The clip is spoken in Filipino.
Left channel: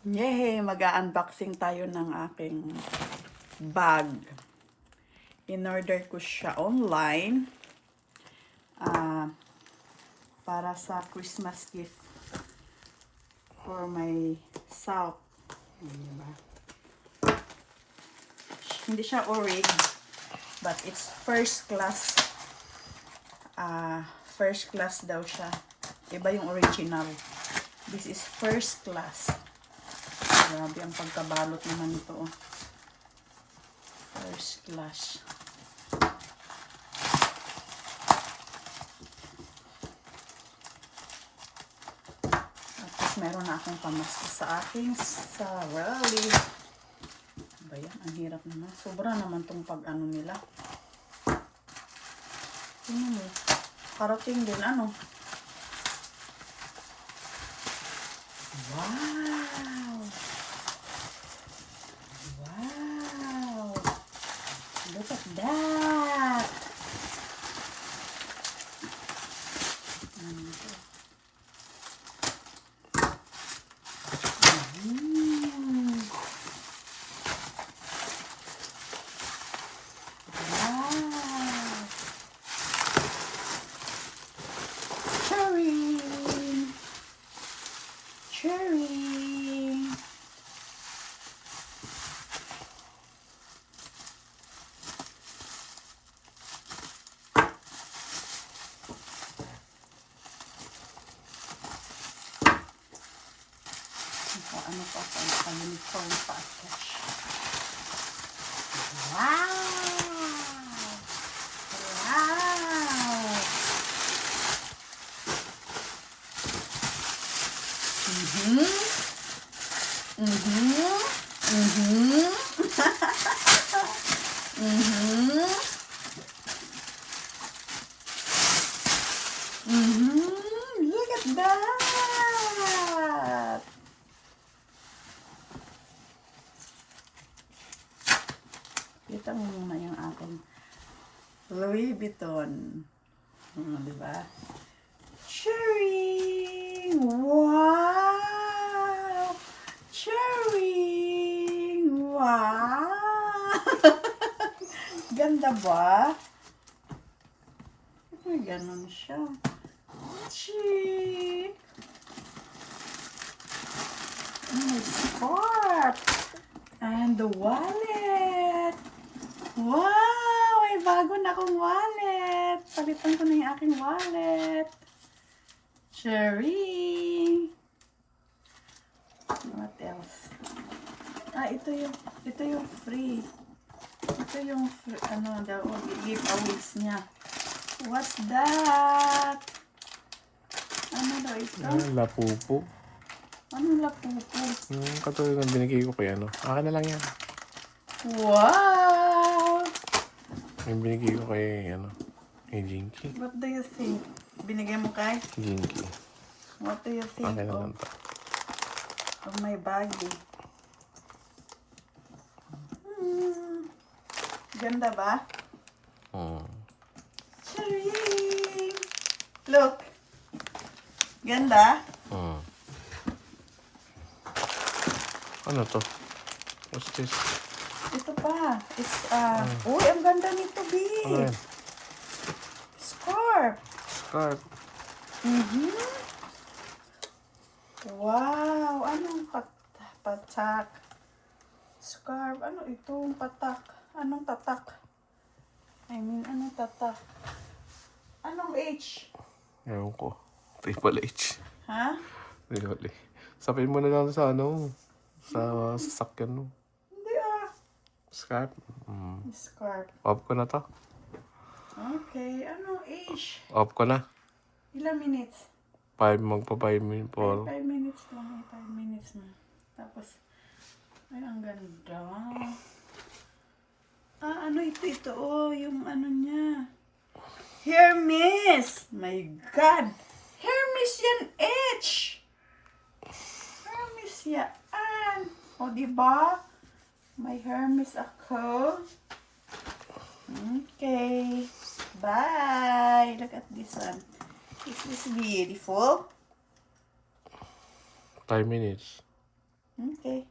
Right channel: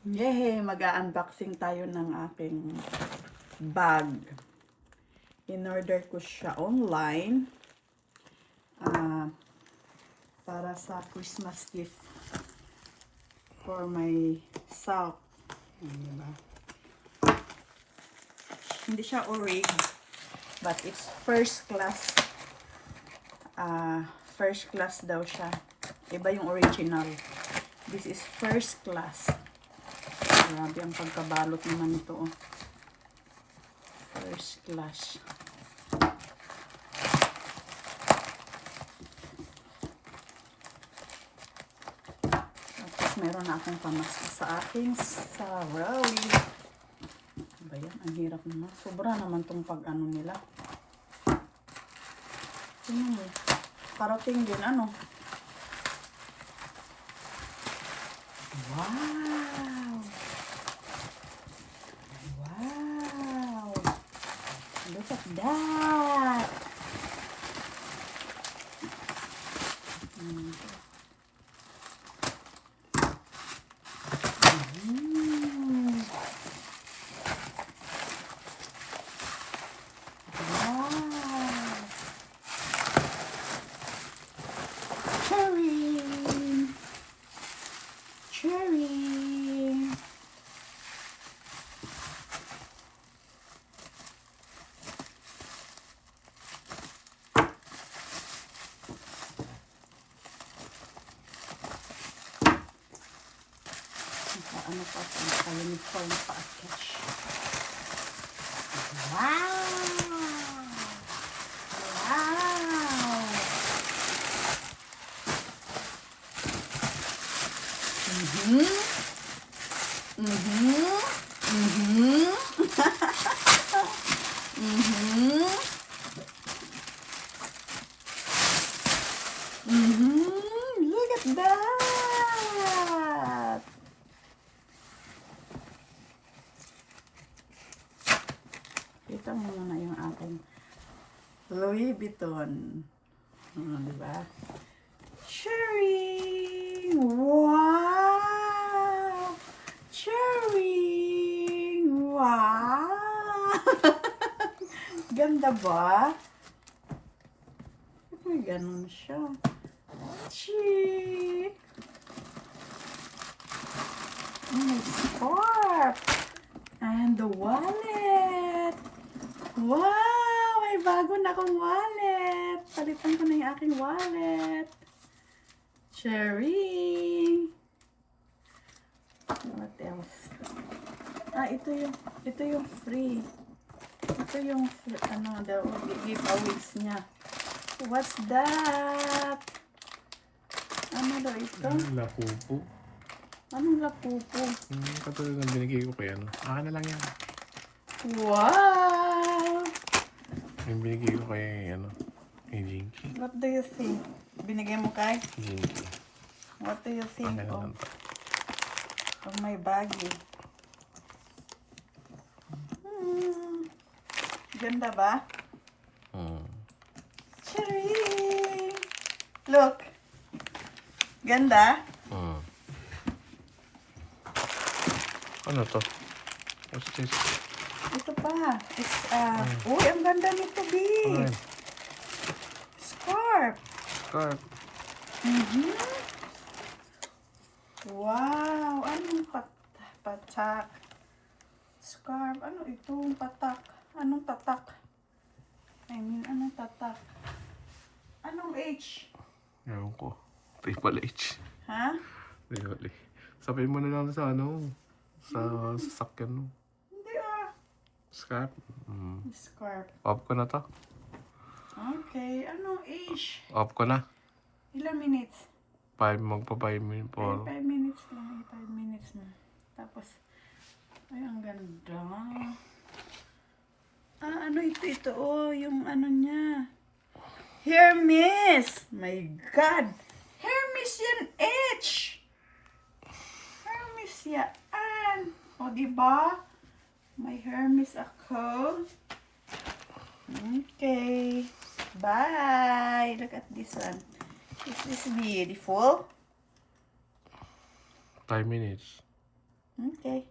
Yay! Mag-unboxing tayo ng aking bag. In-order ko siya online para sa Christmas gift for myself. Diba? Hindi siya orig, but it's first class. First class daw siya. Iba yung original. This is first class. Grabe ang pagkabalot naman ito. First class. Tapos meron na akong pamasko sa aking sarili. Ba yan? Ang hirap naman. Sobra naman itong pag-ano nila. Tingnan mo. Parating din. Ano? Wow! Wow! Look at that! Wow! Cherry! Cherry! Ano pa sa uniform package. Wow! Wow! Mhm. Mhm. Mhm. Mhm. Mhm. Look at that! Kita mo muna yung aking Louis Vuitton. Diba? Cherry! Wow! Cherry! Wow! Ganda ba? Ay, ganun siya. Cherry! May scarf! And the wallet! Wow! May bago na akong wallet! Palitan ko na yung aking wallet. Cherry! What else? Ito yung free. Ito yung free, the giveaways niya. What's that? Ano daw ito? Lapupo. Anong lapupo? Katulad ng binigay ko kay ano. Akin na lang yan. Wow! Yung binigay ko kay ano. Kay Jinky. What do you think? Binigay mo kay? Jinky. What do you think Akin na lang to. of my baggie? Ganda ba? Cherry! Look! Ganda? Ano to? What's this? Ito pa. It's, uy, ang ganda nito, B. Ano yan? Scarf. Scarf. Wow, anong patak? Scarf, ano itong patak? Anong tatak? Anong tatak? Anong H? Ewan ko. Triple H. Ha? Really. Sabihin mo na lang sa ano. Sa sasakyan mo. Hindi Scarf. Scarf. Off ko na to. Okay, anong H? Off ko na. Ilang minutes? 5 magpa-5 minutes po. 5 minutes lang. 5 minutes na. Tapos, ay, ang ganda. Ano ito? Oh, yung ano niya. Hermes! My God! Hermes yan, H! Hermes yan. O, diba? May Hermes ako. Okay. Bye! Look at this one. Is this beautiful? 5 minutes. Okay.